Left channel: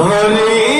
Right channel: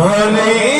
भले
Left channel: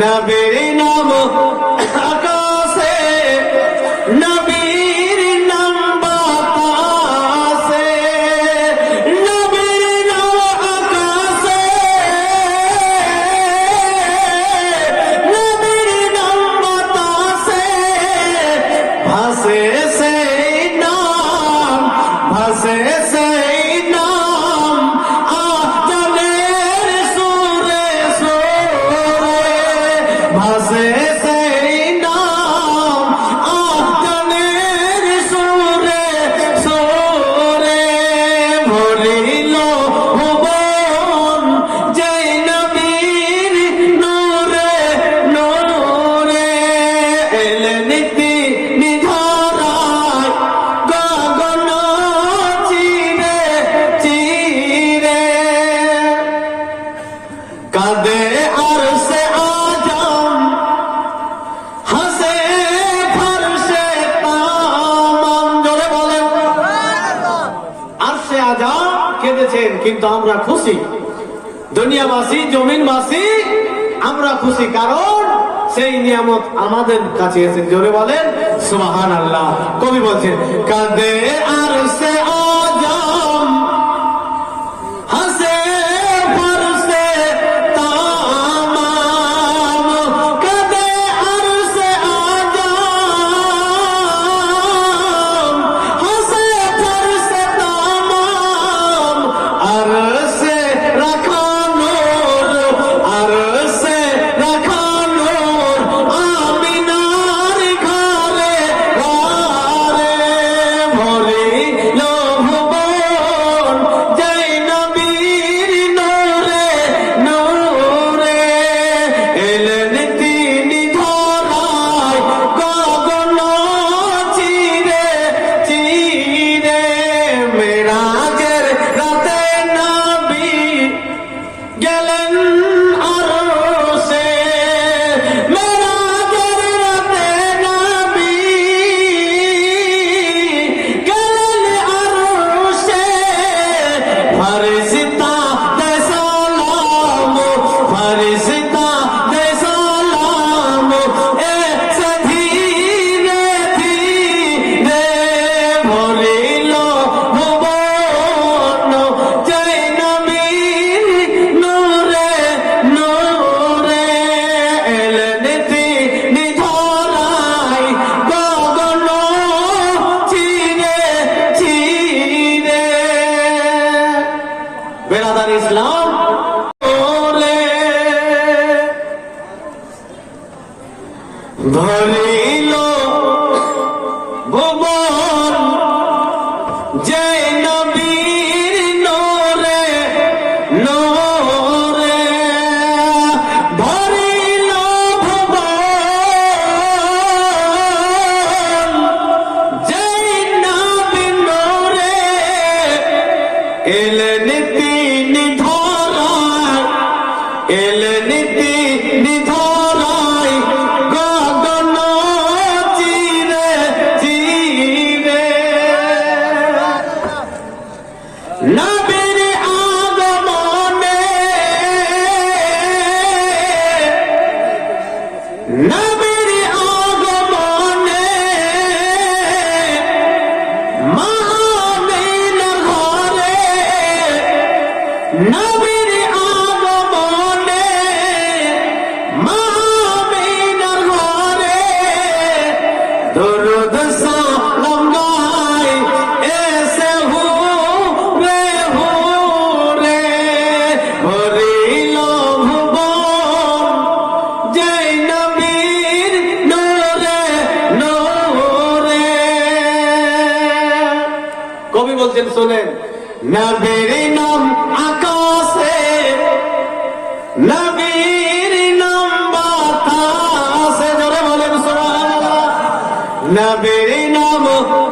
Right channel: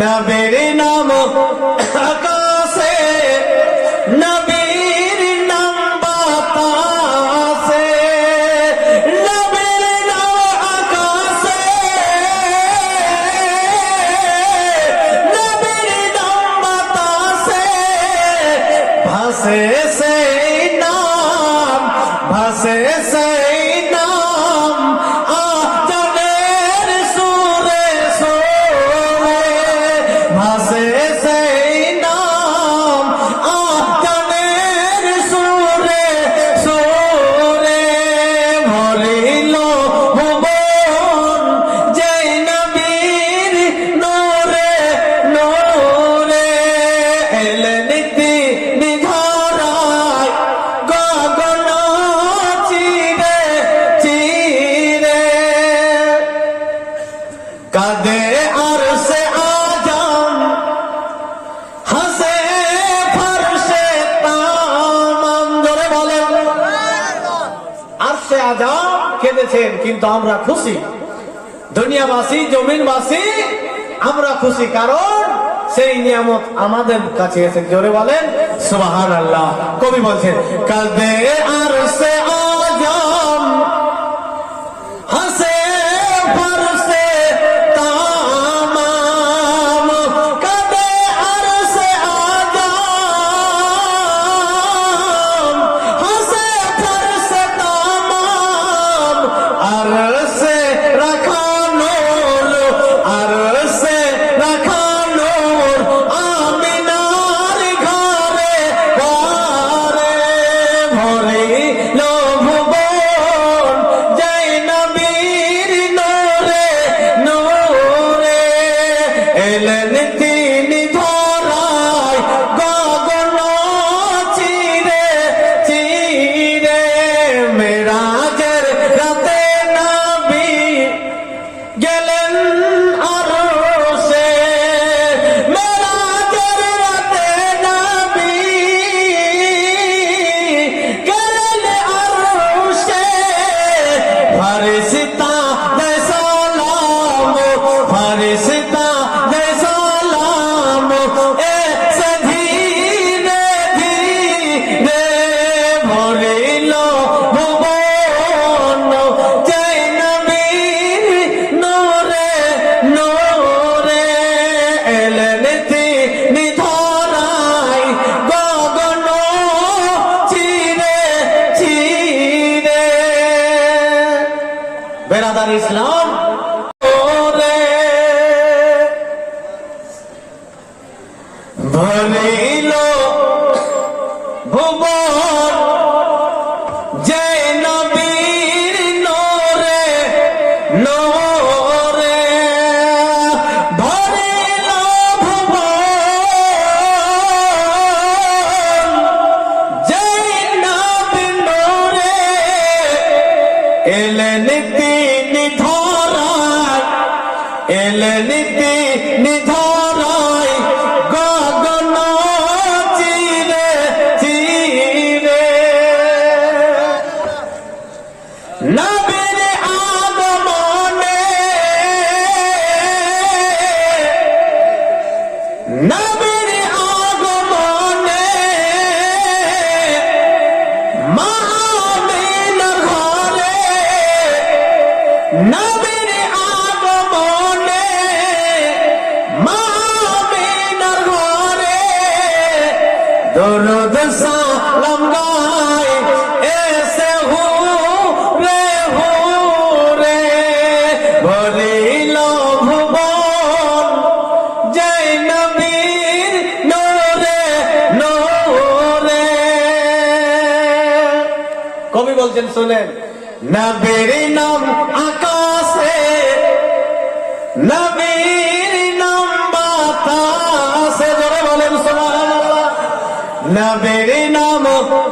নবীর নাম আকাশে, নবীর নাম বাতাসে। নবীর নাম আকাশে, নবীর নাম বাতাসে। ভাসে সেই নাম, ভাসে সেই হইল হুবায়ুন যে নবীর নূরে নূরে এলেন তিনি ধরায় গগন চিরে করেছেন, কিন্তু আমরা খুশি। দুনিয়াবাসী, জমিনবাসী, আমরা খুশি কারণ সেই নিয়ামত আমাদের কাছে এসে জোরে বলেন সুবাহ আল্লাহ কবি বলছেন, কাদে আর কবি বলছেন শোনেন নবীর নাম আকাশে নবীর নাম বাতাসে। বলে বলেন সুবহানাল্লাহ। নবীর الْقِيَامَةِ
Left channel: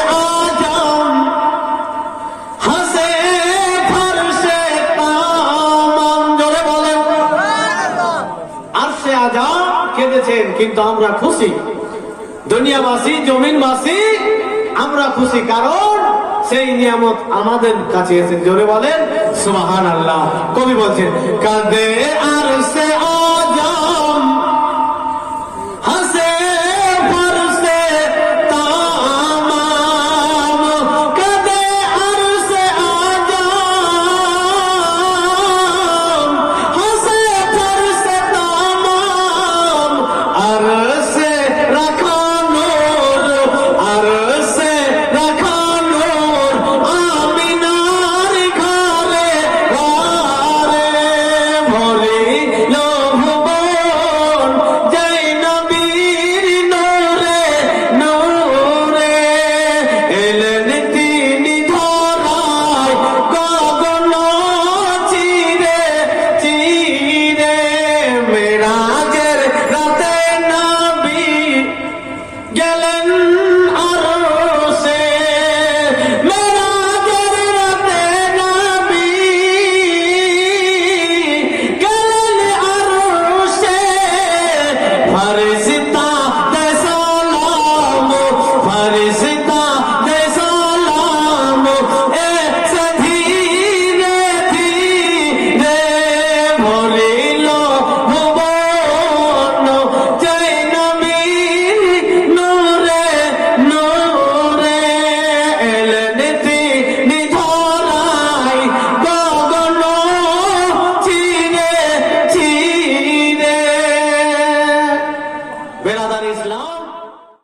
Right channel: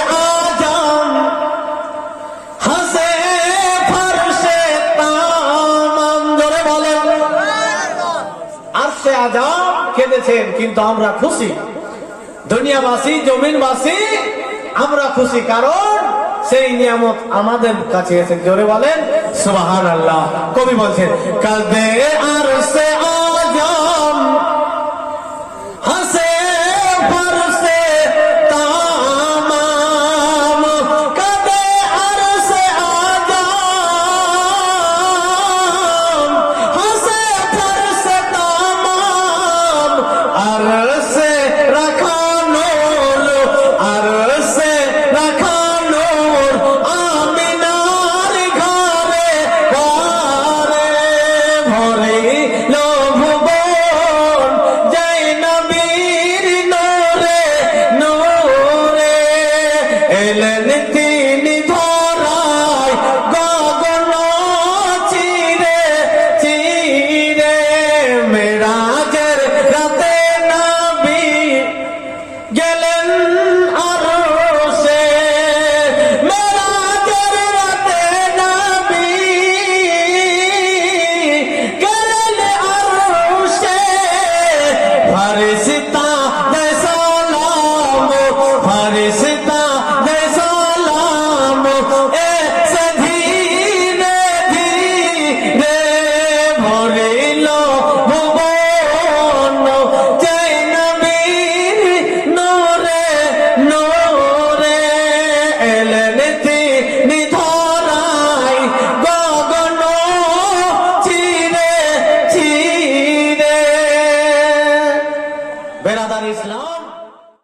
কিন্তু আমরা খুশি। দুনিয়াবাসী, জমিনবাসী, আমরা খুশি কারণ সেই নিয়ামত আমাদের কাছে এসে জোরে বলেন সুবাহান আল্লাহ কবি বলছেন, কাঁদে আর সে